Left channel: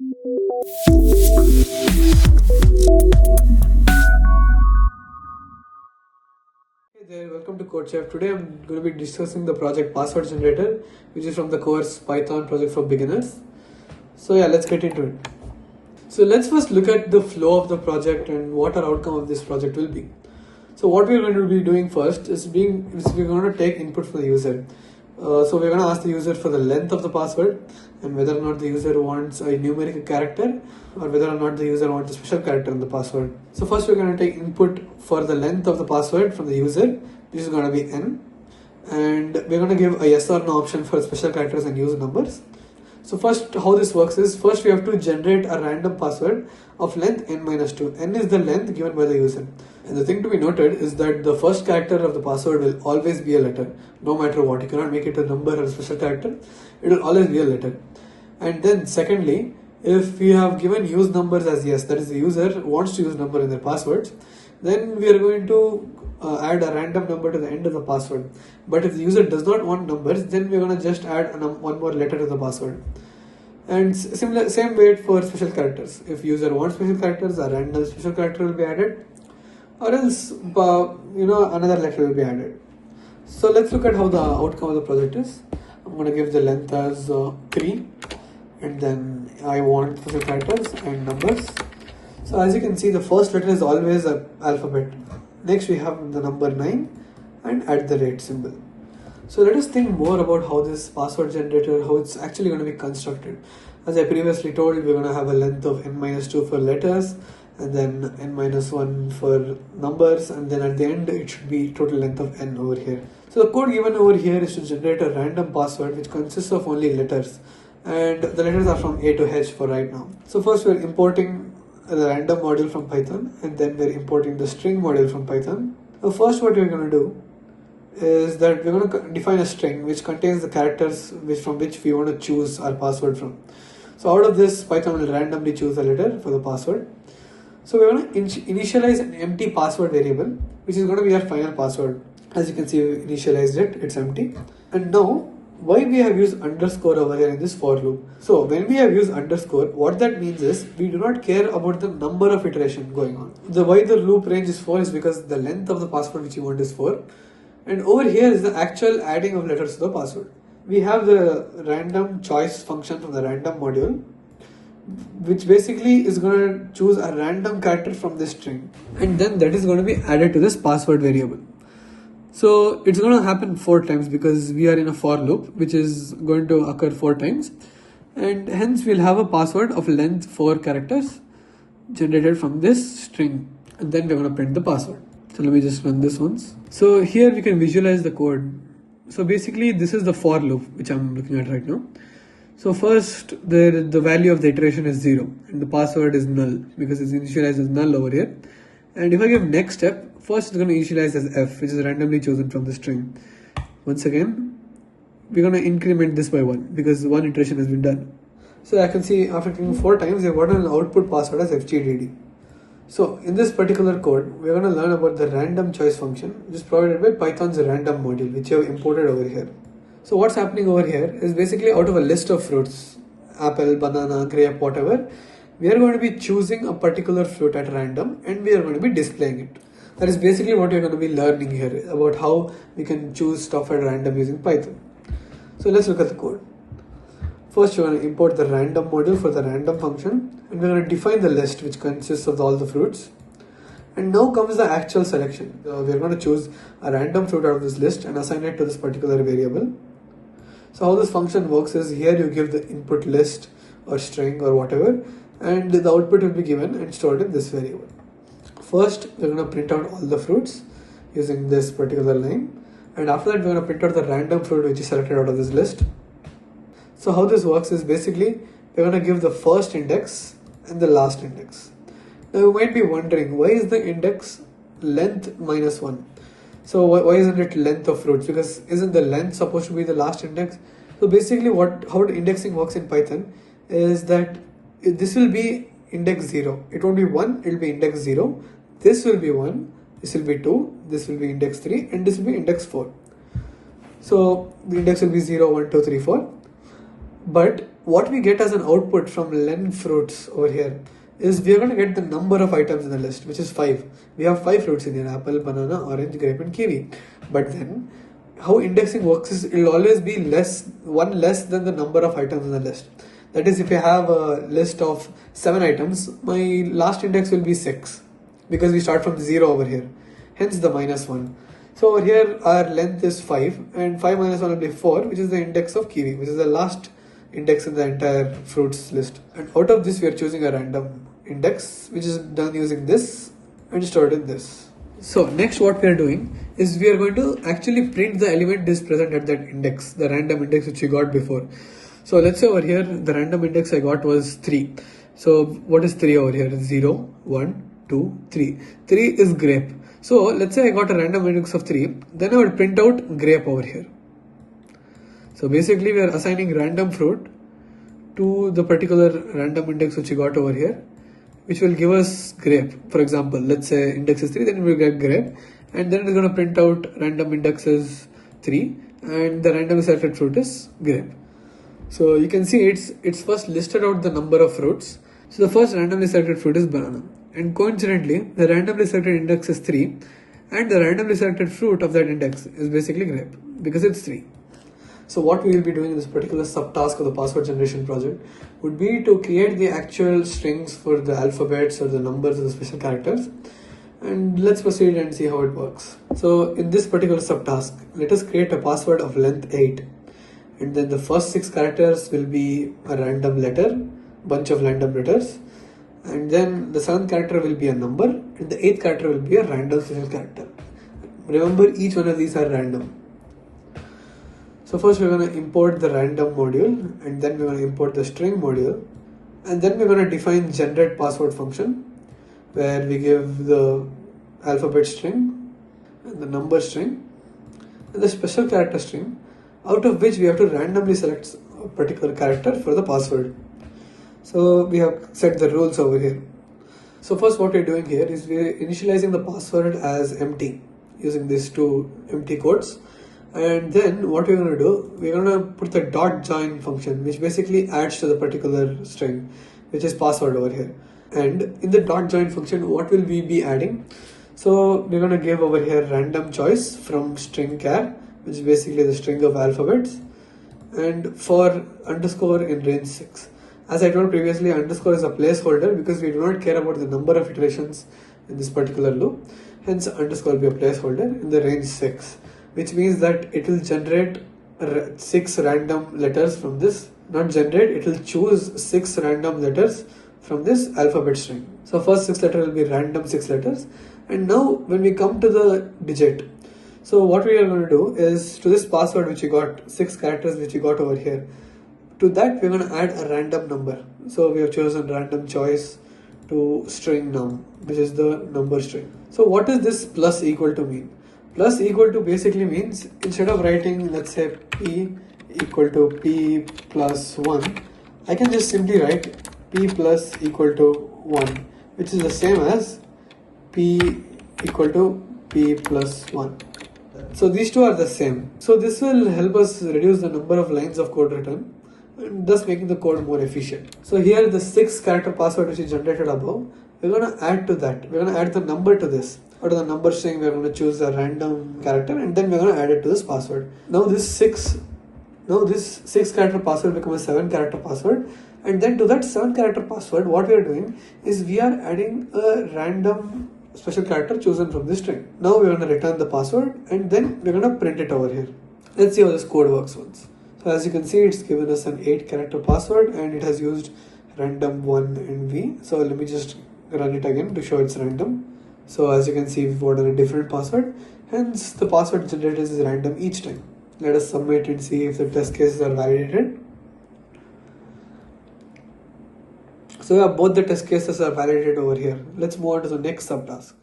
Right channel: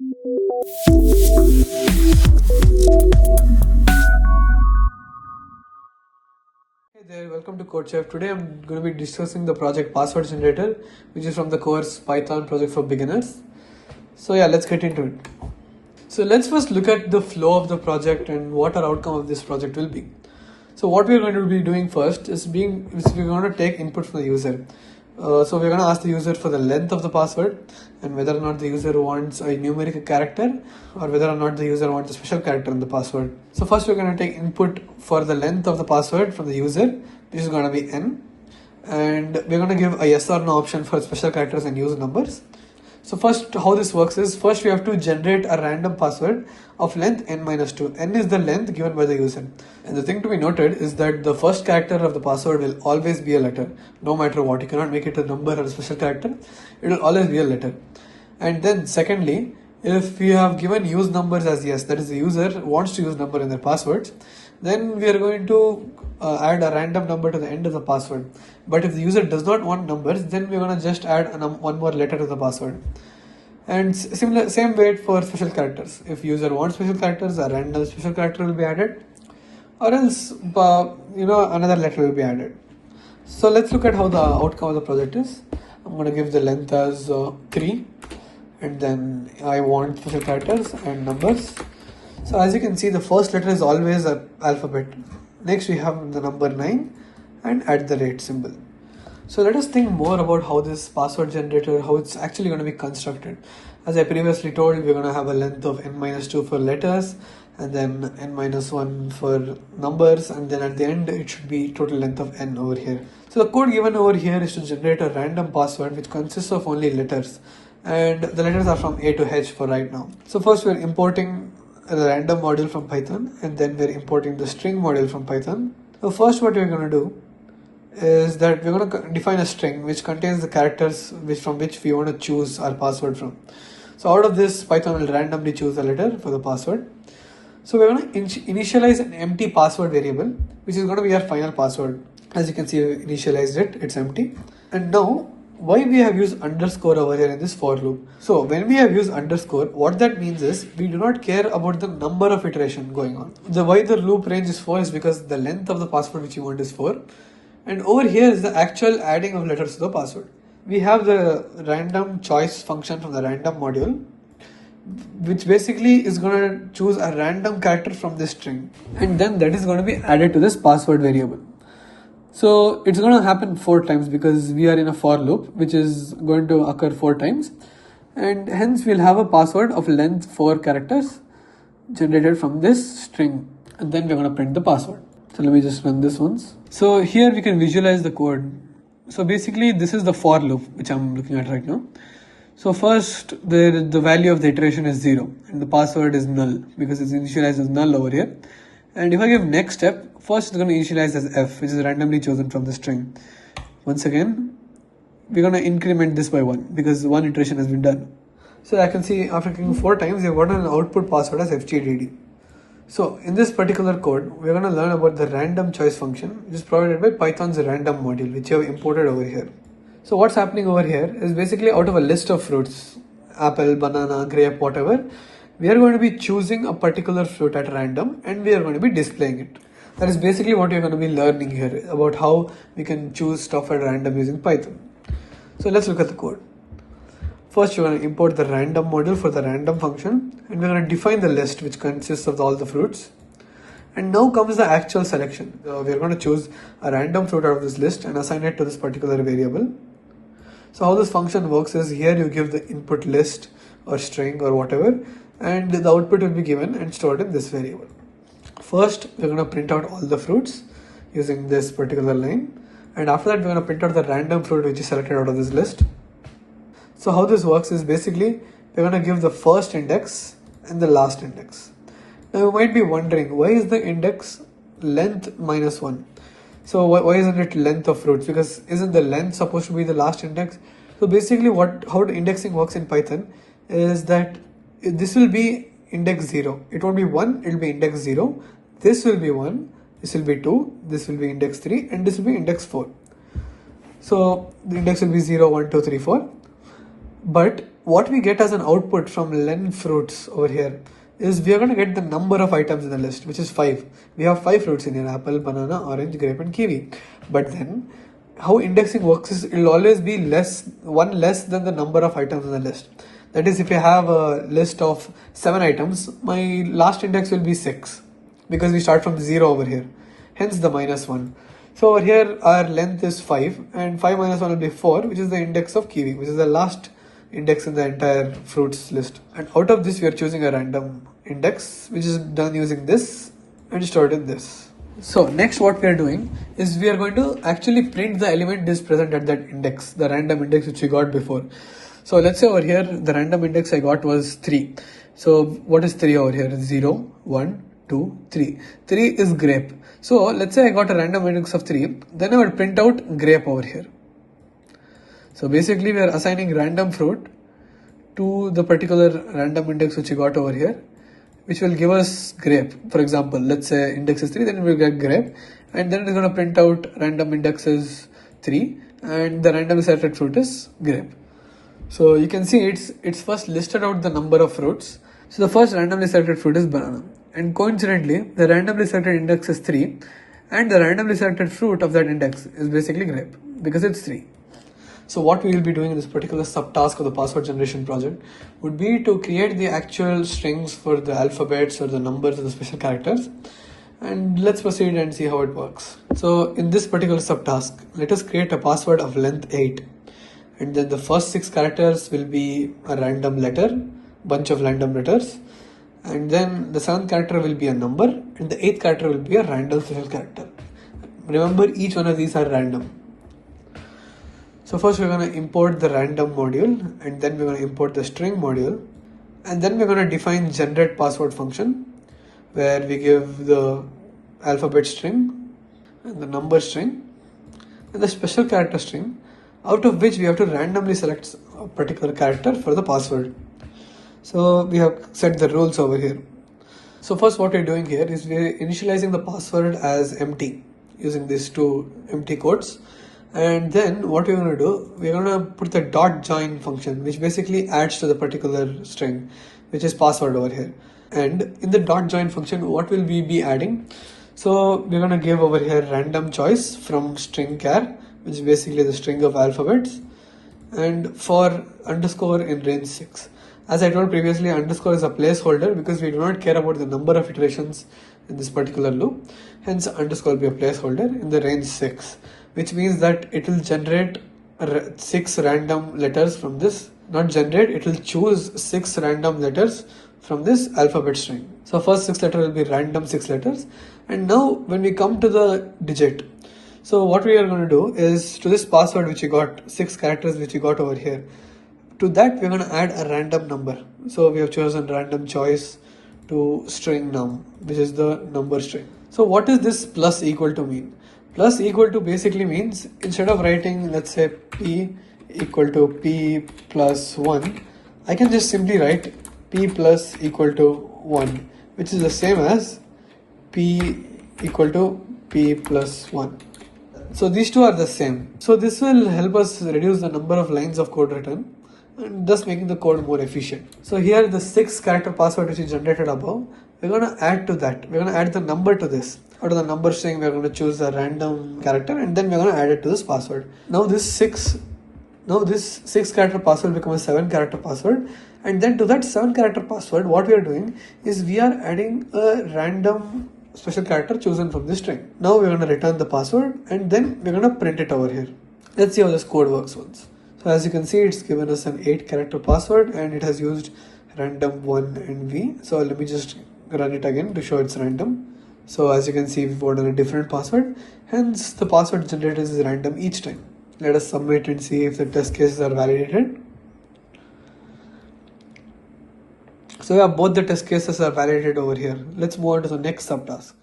Hey there, welcome to CodeChef. Today I'm going to be discussing the project Password Generator, which is from the course Python project for beginners. So yeah, let's get into it. So let's first look at the flow of the project and what our outcome of this project will be. So what we're going to be doing first is we're going to take input from the user. So we're going to ask the user for the length of the password and whether or not the user wants a numeric character or whether or not the user wants a special character in the password. So first we're going to take input for the length of the password from the user, which is going to be n, and we're going to give a yes or no option for special characters and use numbers. So first, how this works is, first we have to generate a random password of length n-2. N is the length given by the user. And the thing to be noted is that the first character of the password will always be a letter, no matter what. You cannot make it a number or a special character. It will always be a letter. And then secondly, if we have given use numbers as yes, that is the user wants to use number in their passwords, then we are going to add a random number to the end of the password. But if the user does not want numbers, then we're going to just add one more letter to the password. And same way for special characters. If user wants special characters, a random special character will be added, or else another letter will be added. So let's look at how the outcome of the project is. I'm going to give the length as 3, and then I want special characters and numbers. So as you can see, the first letter is always an alphabet. Next we have the number 9 and @ symbol. So let us think more about how this password generator, how it's actually going to be constructed. As I previously told, we're going to have a length of n-2 for letters, and then n-1 for numbers, and then at the end it should be total length of n over here. So the code given over here is to generate a random password which consists of only letters, and the letters are from A to H for right now. So first we're importing the random module from Python, and then we're importing the string module from Python. So first what we're going to do is that we're going to define a string which contains the characters from which we want to choose our password from. So out of this, Python will randomly choose a letter for the password. So we're going to initialize an empty password variable, which is going to be our final password. As you can see, we initialized it, it's empty. And now, why we have used underscore over here in this for loop? So when we have used underscore, what that means is we do not care about the number of iteration going on. Why the loop range is 4 is because the length of the password which you want is 4. And over here is the actual adding of letters to the password. We have the random choice function from the random module, which basically is going to choose a random character from this string, and then that is going to be added to this password variable. So it's going to happen 4 times because we are in a for loop which is going to occur 4 times, and hence we'll have a password of length 4 characters generated from this string, and then we're going to print the password. So let me just run this once. So here we can visualize the code. So basically this is the for loop which I'm looking at right now. So first the value of the iteration is 0 and the password is null because it's initialized as null over here. And if I give next step, first it's going to initialize as f, which is randomly chosen from the string. Once again, we're going to increment this by 1 because 1 iteration has been done. So I can see after clicking 4 times, we've gotten an output password as fgdd. So in this particular code, we're going to learn about the random choice function, which is provided by Python's random module, which you have imported over here. So what's happening over here is basically out of a list of fruits, apple, banana, grape, whatever, we are going to be choosing a particular fruit at random and we are going to be displaying it. That is basically what you're going to be learning here, about how we can choose stuff at random using Python. So let's look at the code. First, you're going to import the random module for the random function, and we're going to define the list which consists of all the fruits. And now comes the actual selection. We're going to choose a random fruit out of this list and assign it to this particular variable. So how this function works is, here you give the input list or string or whatever, and the output will be given and stored in this variable. First, we're going to print out all the fruits using this particular line, and after that we're going to print out the random fruit which is selected out of this list. So how this works is basically we're going to give the first index and the last index. Now you might be wondering, why is the index length -1? So why isn't it length of fruits? Because isn't the length supposed to be the last index? So basically how the indexing works in Python is that this will be index 0. It won't be 1, it will be index 0. This will be 1, this will be 2, this will be index 3, and this will be index 4. So the index will be 0, 1, 2, 3, 4. But what we get as an output from len fruits over here is we are going to get the number of items in the list, which is 5. We have 5 fruits in here: apple, banana, orange, grape and kiwi. But then how indexing works is it will always be one less than the number of items in the list. That is, if I have a list of 7 items, my last index will be 6 because we start from 0 over here, hence the -1. So over here our length is 5 and 5 minus 1 will be 4, which is the index of kiwi, which is the last index in the entire fruits list. And out of this we are choosing a random index, which is done using this and stored in this. So next what we are doing is we are going to actually print the element is present at that index, the random index which we got before. So let's say over here the random index I got was 3. So what is 3 over here? 0, 1, 2, 3. 3 is grape. So let's say I got a random index of 3, then I would print out grape over here. So basically we are assigning random fruit to the particular random index which we got over here, which will give us grape. For example, let's say index is 3, then we will get grape, and then it's going to print out random index is 3 and the randomly selected fruit is grape. So you can see it's first listed out the number of fruits. So the first randomly selected fruit is banana, and coincidentally the randomly selected index is 3 and the randomly selected fruit of that index is basically grape because it's 3. So what we will be doing in this particular subtask of the password generation project would be to create the actual strings for the alphabets or the numbers or the special characters, and let's proceed and see how it works. So in this particular subtask, let us create a password of length 8, and then the first 6 characters will be a random letter, bunch of random letters, and then the 7th character will be a number and the 8th character will be a random special character. Remember, each one of these are random. So first we're going to import the random module, and then we're going to import the string module, and then we're going to define generate password function where we give the alphabet string and the number string and the special character string, out of which we have to randomly select a particular character for the password. So we have set the rules over here. So first what we're doing here is we're initializing the password as empty using these 2 empty quotes. And then what we're going to do, we're going to put the dot join function, which basically adds to the particular string, which is password over here. And in the dot join function, what will we be adding? So we're going to give over here random choice from string char, which is basically the string of alphabets, and for underscore in range 6. As I told previously, underscore is a placeholder because we do not care about the number of iterations in this particular loop. Hence underscore will be a placeholder in the range 6. Which means that it will generate 6 random letters from this. Not generate, it will choose 6 random letters from this alphabet string. So first 6 letter will be random 6 letters. And now when we come to the digit, so what we are going to do is to this password which you got, 6 characters which you got over here, to that we're going to add a random number. So we have chosen random choice to string num, which is the number string. So what is this plus equal to mean? Plus equal to basically means, instead of writing let's say p equal to p plus 1, I can just simply write p plus equal to 1, which is the same as p equal to p plus 1. So these two are the same. So this will help us reduce the number of lines of code written and thus making the code more efficient. So here the 6 character password which is generated above, we're going to add to that. We're going to add the number to this. Out of the number string, we're going to choose the random character and then we're going to add it to this password. Now this 6 character password becomes a 7 character password, and then to that 7 character password what we are doing is we are adding a random special character chosen from this string. Now we're going to return the password and then we're going to print it over here. Let's see how this code works once. So as you can see, it's given us an 8 character password and it has used random 1 and v. So let me just run it again to show it's random. So as you can see, we've ordered a different password, hence the password generated is random each time. Let us submit and see if the test cases are validated. So yeah, both the test cases are validated over here. Let's move on to the next subtask.